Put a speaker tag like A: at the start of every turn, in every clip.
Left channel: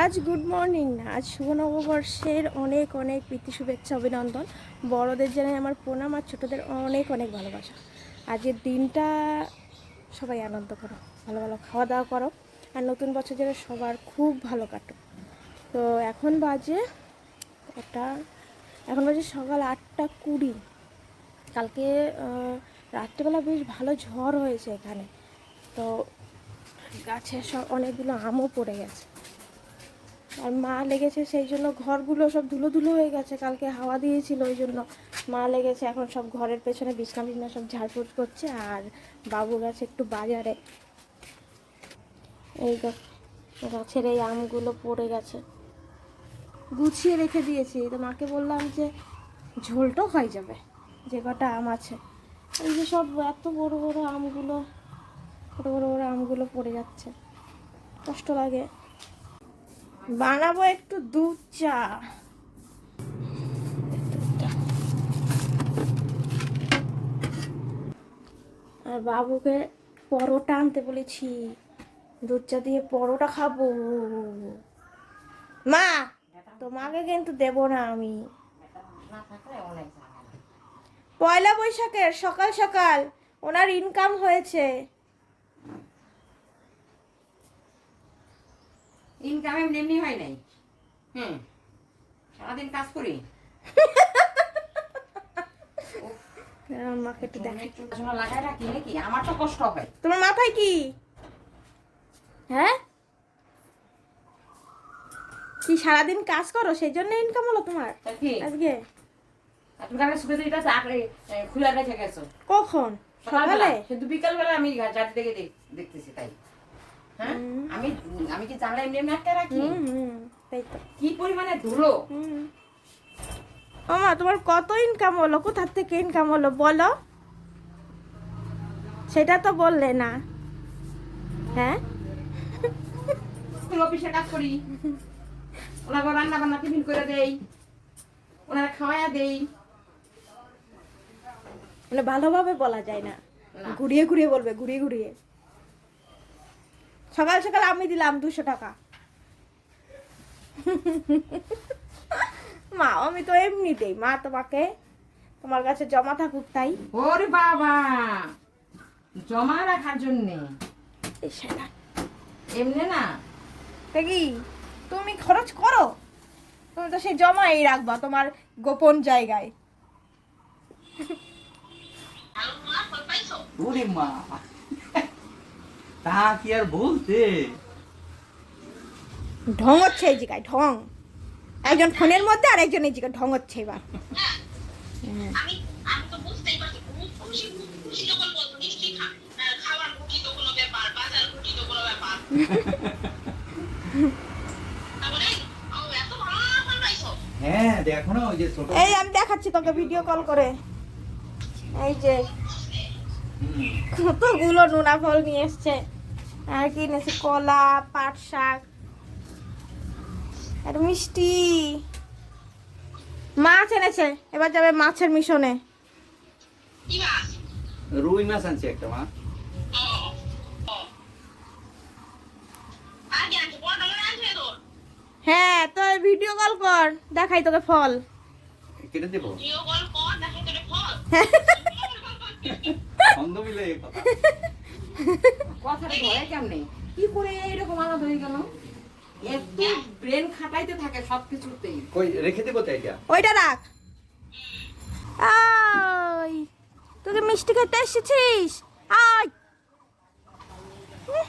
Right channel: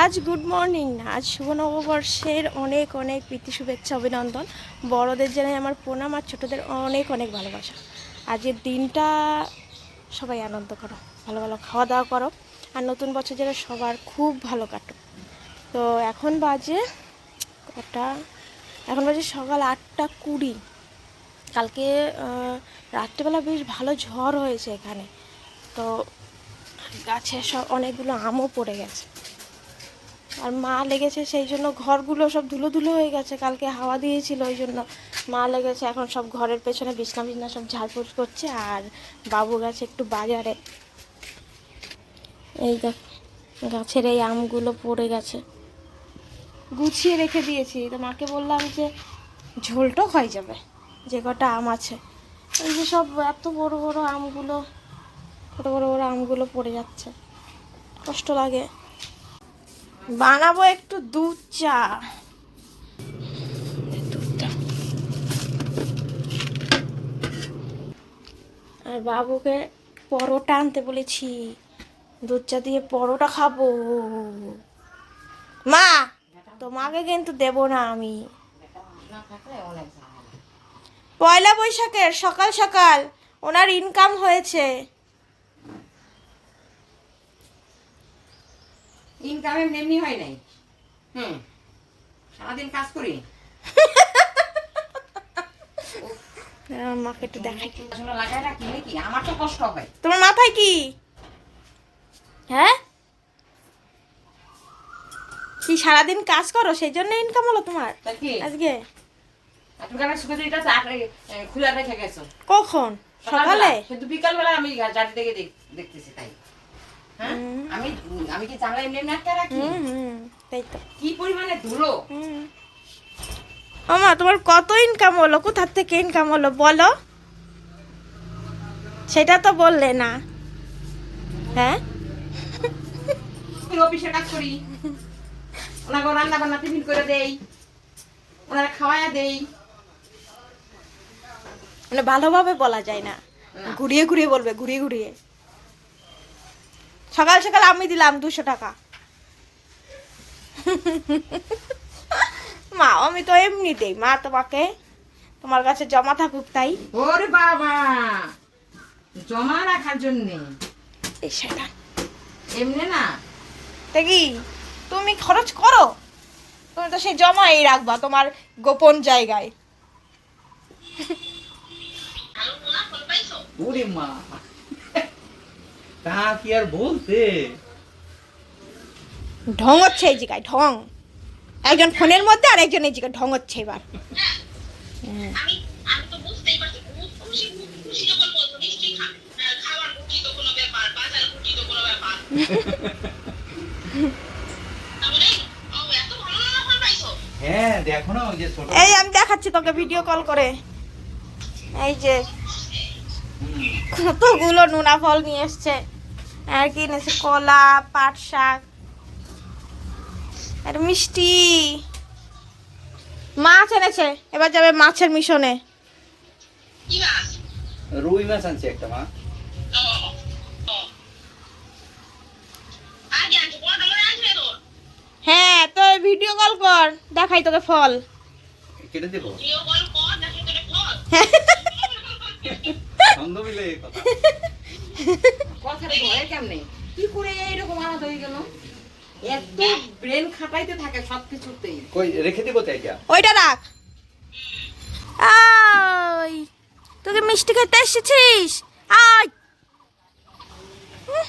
A: আজ good morning আজ শুভ নববর্ষের অনেক অনেক প্রীতি, শুভেচ্ছা, অভিনন্দন। বড়দের জানাই আমার প্রণাম আর ছোটোদের অনেক অনেক ভালোবাসা। আজকের দিনটা সবাই আনন্দ করো, ভালো ভালো খাওয়া দাওয়া করো। আর নতুন বছর যেন সবার খুব ভালো কাটো তো এখন বাজে কটা? এখন বাজে সকাল আটটা কুড়ি। কালকে রাত্রেবেলা বেশ ভালো ঝড় হয়েছে এখানে। তো গাছে সব অনেকগুলো আমও পড়ে গেছে। আর মা লেগেছে সেই জন্য ঘরগুলো সব ধুলো ধুলো হয়ে গেছে, কালকে হাওয়া দিয়েছিল ওই জন্য। মা লেগেছে, এখন সব ঘরের পেছনে বিছনা বিছনা সব ঝাড়ফুট করছে আর বাবু গেছে একটু বাজারে। এই দেখ, গাছের এই আমগুলো পড়ে গেছে। গুছিয়ে রেখে দিয়েছি। তো মাকে বললাম যে ঝোলটাও হয়ে যাবে, যে কটা আম আছে। এই যে সব এত বড় বড় আমগুলো, ছোটো বড় বড় আমগুলো পড়ে যাচ্ছে। কষ্ট লাগে। বানাবো একটু দুধ চা। দুধটা আর বাবুকে পরোটা আনতে বলেছি। দুধ চা দিয়ে পরোটা খাব। মা, তোমাকে কিন্তু দেব না আমি। পয়লা বৈশাখের সকাল সকাল ওনার ইনকাম হয়েছে।
B: ইনকাম এমনি এমনি হয় নাই। হুম। সারাদিন কাজ করি।
A: মাকে একটু দেখাই।
B: লাগাই রাখি নাকি? আমার তো কষ্ট হয়।
A: তোমার মাথায় কি? হ্যাঁ? কি সারাদিন কাজ করো? সেই জন্য ইনকাম হলো তোমার? আজকে? কখন? সকালে?
B: কিন্তু বিকাল বেলা আমি জাতি থেকে দেখ- দেখতেছি তাই। হ্যাঁ? আমি আমি কি জানলা এমনি এমনি আটকে রাখি?
A: তাই তো।
B: কি পরিমাণে ধুলো?
A: মামা তোমার কত ইনকাম হলো? কোথার থেকে ইনকাম হলো বলো? সেটা তো বললে না। হ্যাঁ?
B: অফিসে কাজ করি। ওনাকে রান্না বান্না টিফিন করে দেই। ওনারা খাওয়ায়া দেই।
A: মানে ভালোভাবে বলা যায় না। ঘুরিয়ে ঘুরিয়ে বলবে ঘুরিয়ে ঘুরিয়ে। সকাল সকাল আমি দিলাম দুশো টাকা। মা আমি তো এমনি দেই মা তোমাকে তোমার কাছে জমা থাকুক তাই।
B: ওরে বাবা জমা রাখার জন্যে।
A: এই সেটা
B: এমনি না?
A: দেখি তুমি খরচ করো? তুমি তো সেই জমাই রাখবা তোমার গোপন জায়গায়।
C: ওরে মা। তা কি আর বলতে?
A: ঢং হচ্ছে এই জায়গায় ঢং। একজন ফোনের মধ্যে আর একজন এই জায়গায় ঢং হচ্ছে এবার এই আমি দেখাচ্ছি তোকে ভিডিও কল করে। এই যে কতগুলো নোনা ফল নিয়ে এসছে? আর কি এনেছে কলা পাট শাক আর মিষ্টি। মাছ এনেছে। এবার যাবে মাছের মিশনে।
D: মাছ?
C: রুই মাছ আনছে একটা মা।
A: হ্যাঁ তো ভিডিও কল কর। দেখাই তোকে ফল।
C: কেটে দেবো?
D: জিও কল কর দেখে তোরে ফল।
C: ছন্দ মিলে কথা।
B: কথাটা ধরে কেমনে? কি করে এরকম আলাদা হয়ে গেল? এত ব্রেন খাটাইতে থাকে সব কিছুতেই
C: কই রেখে দেবো তাই
A: ওইটা রাখ। আই তোকে মিষ্টি খেতে এসেছিস? আয়। হুঁ।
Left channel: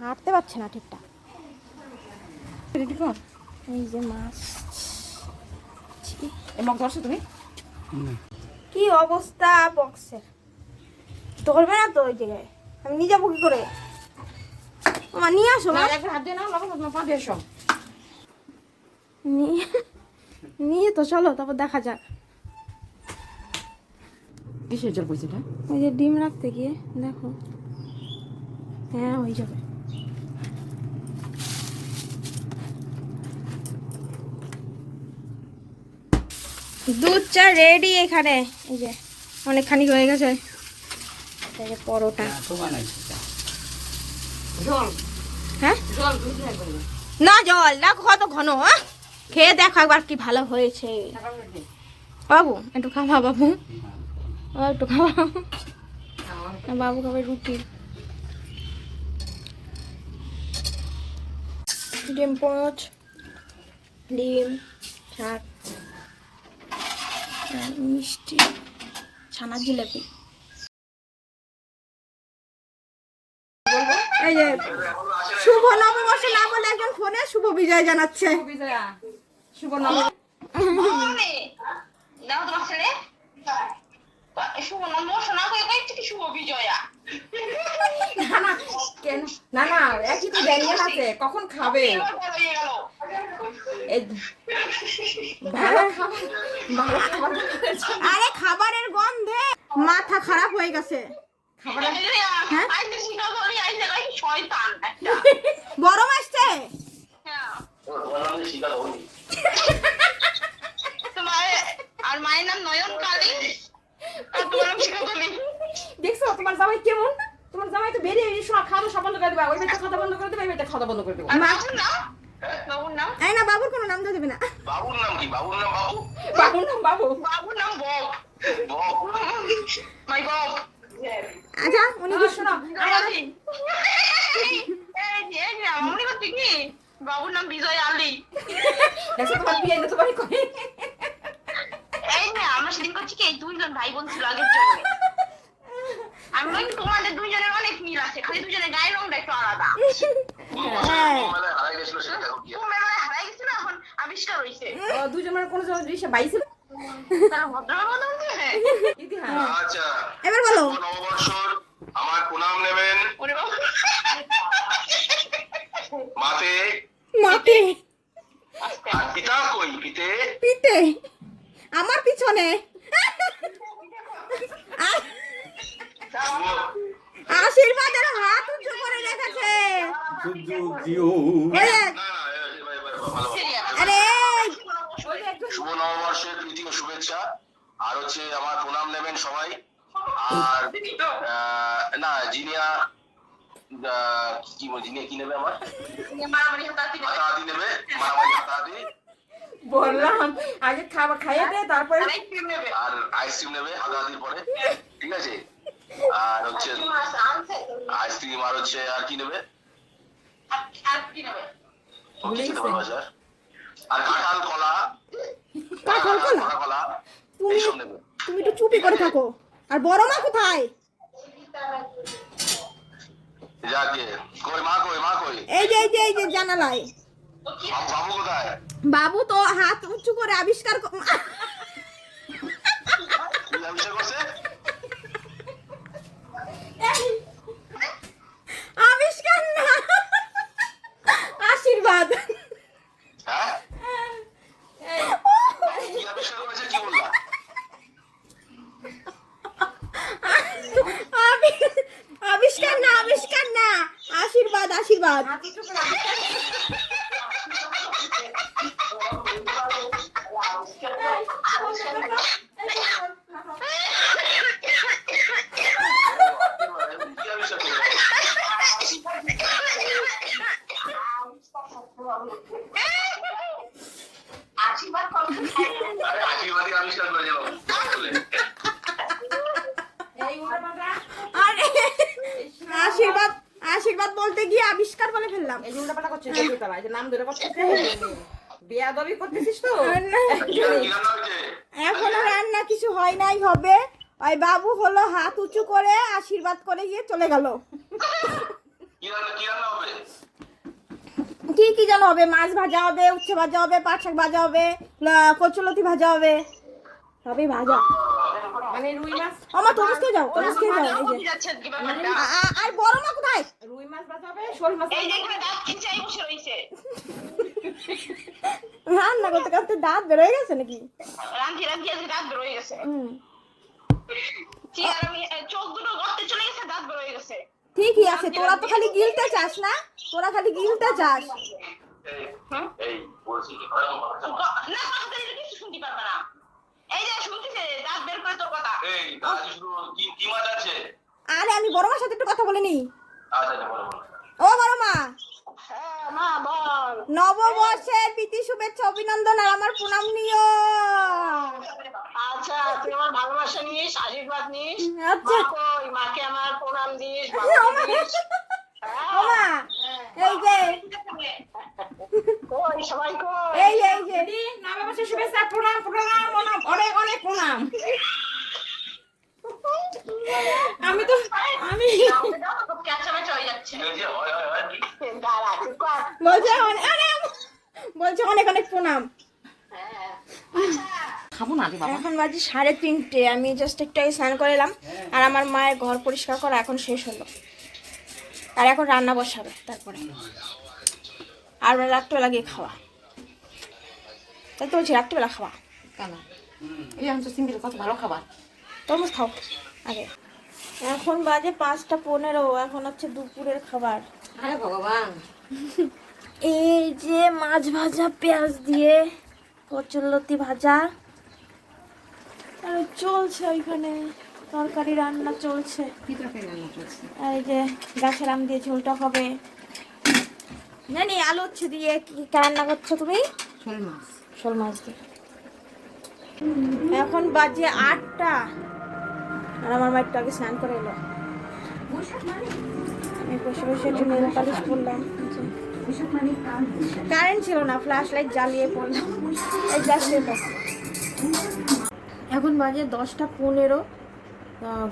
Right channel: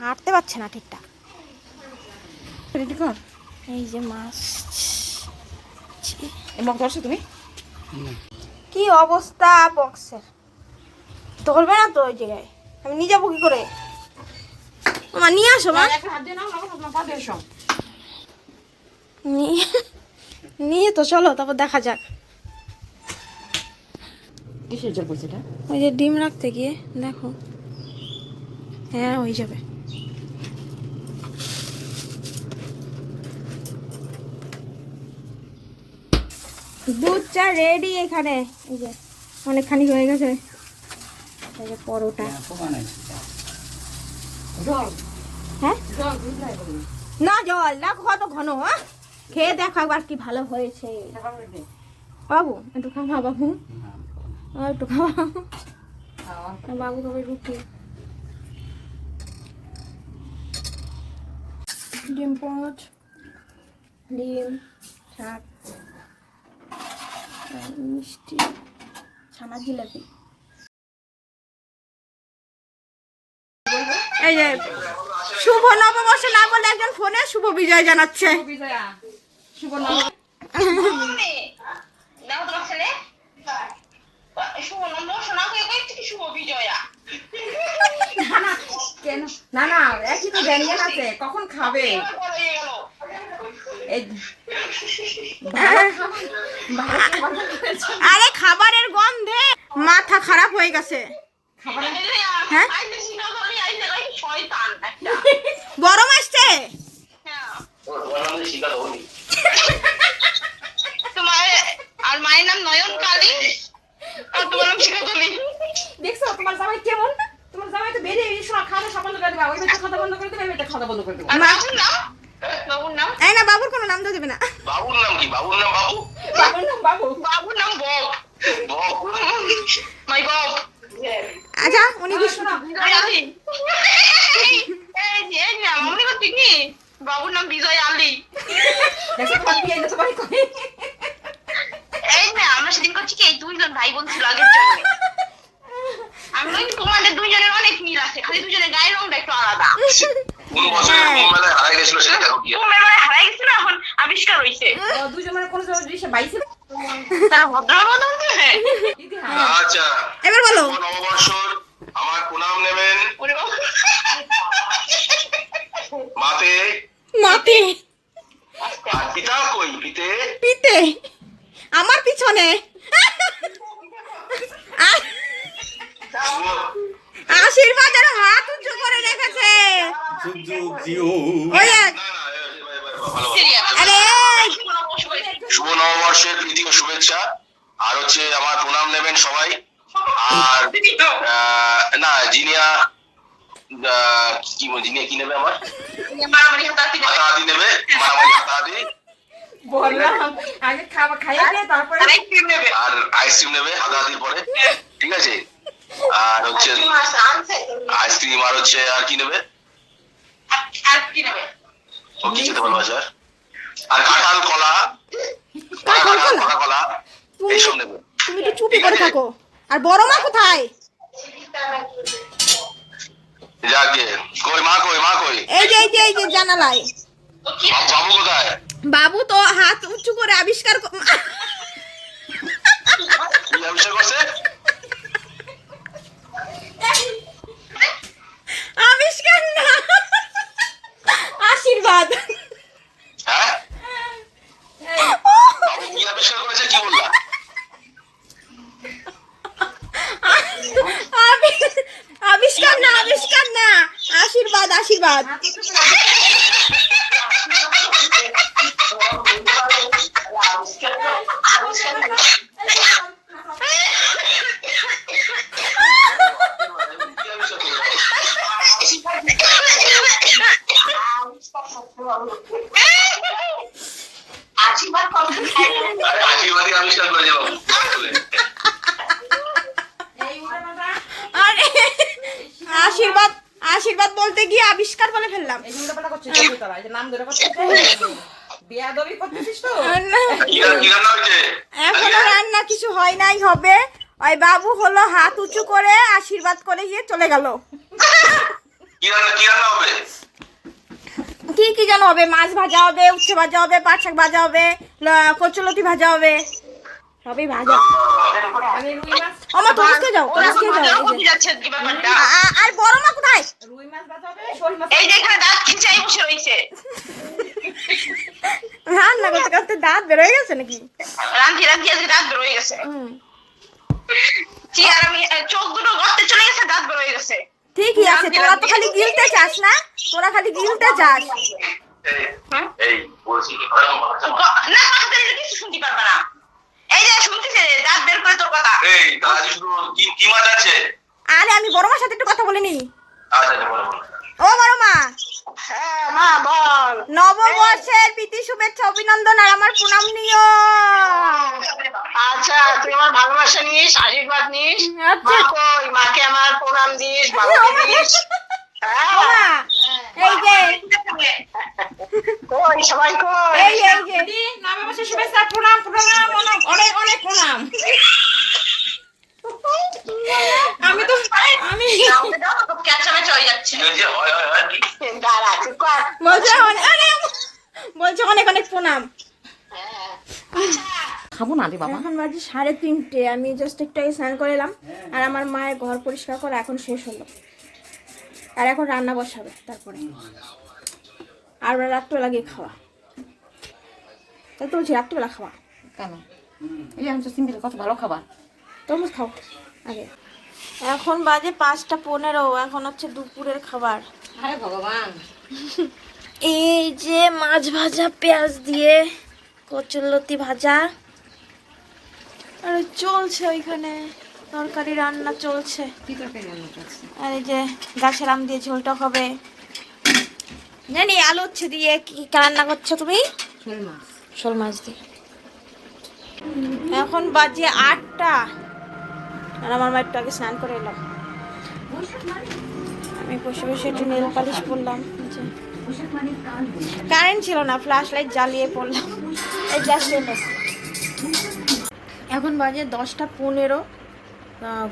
A: হাঁটতে পারছে না ঠিকঠাক। এই যে মাছ।
B: এবং ধরছো তুমি?
A: কি অবস্থা বক্সের? ধরবে না তো ওই জায়গায়? আমি নিয়ে যাব কি করে? মা নিয়ে আসো মা। নিয়ে নিয়ে তো চলো তারপর দেখা যাক। ওই যে ডিম রাখতে গিয়ে দেখো। হ্যাঁ হয়ে যাবে। দুধ চা রেডি এখানে। এই যে অনেকখানি হয়ে গেছে। এই যে পরোটা। হ্যাঁ
B: জল? দুধ নাই কোনো?
A: না জল। না কত ঘন হ্যাঁ? খেয়ে দেখো একবার কি ভালো হয়েছে। বাবু একটু খাওয়া বাবু। একটু খাওয়া বাবু খাবে রুটি। ডিম পোচ ডিম শাক। মিষ্টি ছানা জিলাপি। এই যে শুভ নববর্ষ না বলে একজন ফোনে শুভ বিজয় জানাচ্ছে।
B: শুভ না না একই তো আছে কখন খাবে? এই
A: আরে খাবারের গন্ধে মাথা খারাপ হয়ে গেছে। হ্যাঁ? গরম আসছে?
D: আর মায়ের নাম নয়ন কালী আর তোমার নাম শিখাতলি
B: দেখছ তোমার জামাই কেমন? তোমার জামাই তো বেরিয়ে এই সময় খাওয়া বন্ধ করে দেবে ওই বেটা খাওয়া বন্ধ করে দেবে ওই বেটা খাওয়া বন্ধ করে দেবে
D: আর
A: মা-
D: বাবুর নাম বাবুর নাম
A: এই না বাবুর কোনো নাম দিয়ে দেবে না
E: বাবুর নাম কি বাবুর নাম বাবু
B: বাবুর নাম বাবু
D: বাবুর নাম বব
E: বব
D: মাই বব
A: আচ্ছা উনি কি
B: শোনো
D: এই এই এই না মনে করছি কি বাবুর নাম বিজয় আলী
B: দেখো তোমার বিয়ে না তোমার করে
D: এই না আমরা সেদিন করছি কি এই দুইজন ভাই বোন ছিল আগের জন্য আমি বলি তোমাদের দুইজনের অনেক মিল আছে খালি দুজনের গায়ের রংটা একটু আলাদা
E: কোন বছর
A: হ্যাঁ।
E: কোন মেলায় হারাই গেছিল সেটা দেখো গিয়ে
D: তোমার মানে হারাই গেছিল এখন আবিষ্কার হয়েছে
B: দুজন
D: তো হ্যাঁ।
B: ইতিহাস
E: আচ্ছা।
A: এবার বলো।
E: নববর্ষর আমার প্রণাম নেবেন। মাতে।
A: মাতে।
E: পিতা কই? পিতে।
A: পিতে। আমার পিছনে। আশীর্বাদের হাত উঁচু করে রেখেছে।
C: যুগ যুগ জিও
A: ওই এক
E: না না এবার- এবার ভালো
D: সিরিয়াস
A: আরে
E: শুভ নববর্ষের প্রীতি ও শুভেচ্ছা। আর হচ্ছে আমার প্রণাম নেবেন সবাই। আর না জিনিয়া কি বল- জিনিয়া কি নেবে আমার
D: হাতাহাতি
E: নেবে। মারামারি হাতাহাতি।
B: বললাম আগে খাবার খাইয়ে দে তারপরে
D: আর আইসক্রিম নেবে।
E: আর আইসক্রিম নেবে হাতাহাতির পরে। ঠিক আছে? আর হচ্ছে আইসক্রিম আর হচ্ছে আর কি নেবে?
D: কি?
E: আর কাঁঠাল কলা?
A: কাঁঠাল কলা? তুমি তুমি একটু চুপি করে থাকো। আর বড় মা কোথায়?
E: যাকে। কই মা কই মা কই?
A: এই যে এই যে এই যে জানালায়।
E: বাবু বাবু কোথায়?
A: বাবু তো হাত উঁচু করে আবিষ্কার
E: আবিষ্কার
A: না। আশীর্বাদ
E: হ্যাঁ বাবু কি আবিষ্কার করেছে কি বললা?
A: আবি- আবিষ্কার না আবিষ্কার না। আশীর্বাদ আশীর্বাদ।
E: কি আবিষ্কার করেছে
D: আশীর্বাদ
E: আশীর্বাদই আবিষ্কার করেছে বাবু
A: আরে আশীর্বাদ আশীর্বাদ বলতে গিয়ে আবিষ্কার বলে ফেললাম।
E: এখনও রান্না
A: কিছু হয় নাই হবে। ওই বাবু হলো হাত উঁচু করে আশীর্বাদ করে গিয়ে চলে গেল।
E: কি রান্না কি রান্না হবে?
A: কি কি যেন হবে? মাছ ভাজা হবে উচ্ছে ভাজা হবে পাট শাক ভাজা হবে কচুলতি ভাজা হবে। সবই ভাজা।
B: রুই মাছ
A: আমার তরুষকে যাও যাও। এই যে।
D: যাচ্ছে কি ব্যাপারটা?
A: আ- আ- আর বড় মা কোথায়?
B: রুই মাছ ভাজা হবে শোল মাছ
D: এই যে এখানে দাঁত খিচাই বসে রয়েছে।
A: রান্না করতে করতে দাঁত বেরোয় গেছে নাকি?
D: রান্ধি রান্ধি আজকে দাঁত বেরোয় গেছে।
A: হুম।
D: কি আর আমি এ, চোখ দুটো গর্তে চলে গেছে দাঁত বেরোয় গেছে।
A: ঠিকই আছে তোরা তো খালি গিলতে চাস না? তোরা খালি গিলতে চাস
E: এই বলছি
D: না কিছু শুনতে পারবে না। এই যে শুনতেছে? দাঁত বের করে তোর কথা।
E: এই তাহলে শুধু কি কি মাছ আছে?
A: আরে আমি বড় মার সাথে একটু কথা বলে নি
E: আচ্ছা আচ্ছা বলো বলো।
A: ও নববর্ষের প্রীতি শুভেচ্ছা অভিনন্দন আর আমার প্রণাম নিও।
D: আচ্ছা তুই আমার ভালোবাসা নিস আশীর্বাদ নিস।
A: আচ্ছা।
D: মা কই মাকে আমার প্রণাম দিস বাবাকে দিস। হ্যাঁ।
A: এই যে।
D: কই সবাই কই?
A: এই এই যে।
B: নববর্ষের শুভেচ্ছা প্রণাম প্রণাম অনেক অনেক প্রণাম। আমি তো আমি
D: ক্যাচামেচ হয়ে যাচ্ছে
A: বলছে অনেক অনেক প্রণাম।
B: খাব না রে বাবা।
A: এখন বাজে সাড়ে তিনটে আমি জাস্ট একটু আগে স্নান করে এলাম আর আমার মায়ের ঘর পরিষ্কার করা এখন শেষ হলো। আর এখন রান্না বসাবে তারপরে। আর রাত্রেবেলা গিয়ে খাওয়া। তাই তো বলছি রাত্রেবেলা খাওয়া।
B: কেন? এই আমি তো সিঙ্গেল কত ভালো খাবার।
A: তরমুজ খাও। আগে। এখন বাজে পাঁচটা পনেরো এখন হচ্ছে দুপুরের খাবার।
B: আরে ভগবান।
A: এই যে মাছ ভাজা পেঁয়াজ দিয়ে কচুরলতি ভাজা। আর চলছে ওইখানে তরকারি রান্না চলছে। আর এই যে গাছের আম দিয়ে ঝোলটা হবে। জানি আলু হচ্ছে দিয়ে কি রান্না করছ তুমি?
B: শোল মাছ।
A: শোল মাছ দিয়ে। এখন বাজে আটটা। আর আমার মা একটু আগে স্নান করে এলো। আমি বসে বসে একটু নেল পালিশ করলাম কারেন্ট ছিল না, ফ্ল্যাশ লাইট জ্বালিয়ে পড়লাম। এখন বাজে দশটা পনেরো।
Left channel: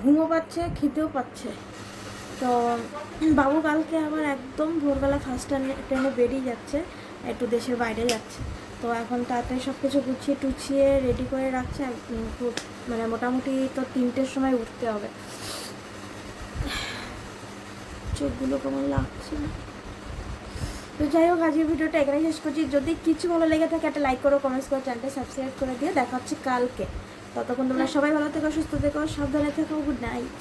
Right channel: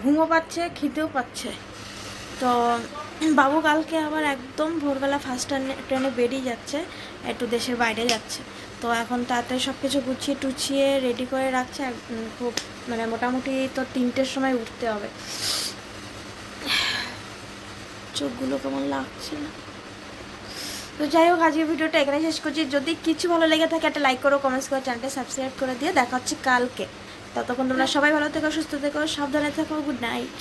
A: ঘুমও পাচ্ছে, খিদেও পাচ্ছে। তো বাবু কালকে আবার একদম ভোরবেলা ফার্স্ট ট্রেনে বেরিয়ে যাচ্ছে, একটু দেশের বাইরে যাচ্ছে। তো এখন তাড়াতাড়ি সব কিছু গুছিয়ে টুছিয়ে রেডি করে রাখছে। খুব মানে মোটামুটি তো তিনটের সময় উঠতে হবে। চোখগুলো কেমন লাগছে না। তো যাই হোক, আজকের ভিডিওটা এখানে শেষ করছি। যদি কিছু ভালো লেগে থাকে, একটা লাইক করো কমেন্টস করো চ্যানেলটা সাবস্ক্রাইব করে দিয়ে দেখা হচ্ছে কালকে। ততক্ষণ তোমরা সবাই ভালো থেকো, সুস্থ থেকো, সাবধানে থেকো গুড নাইট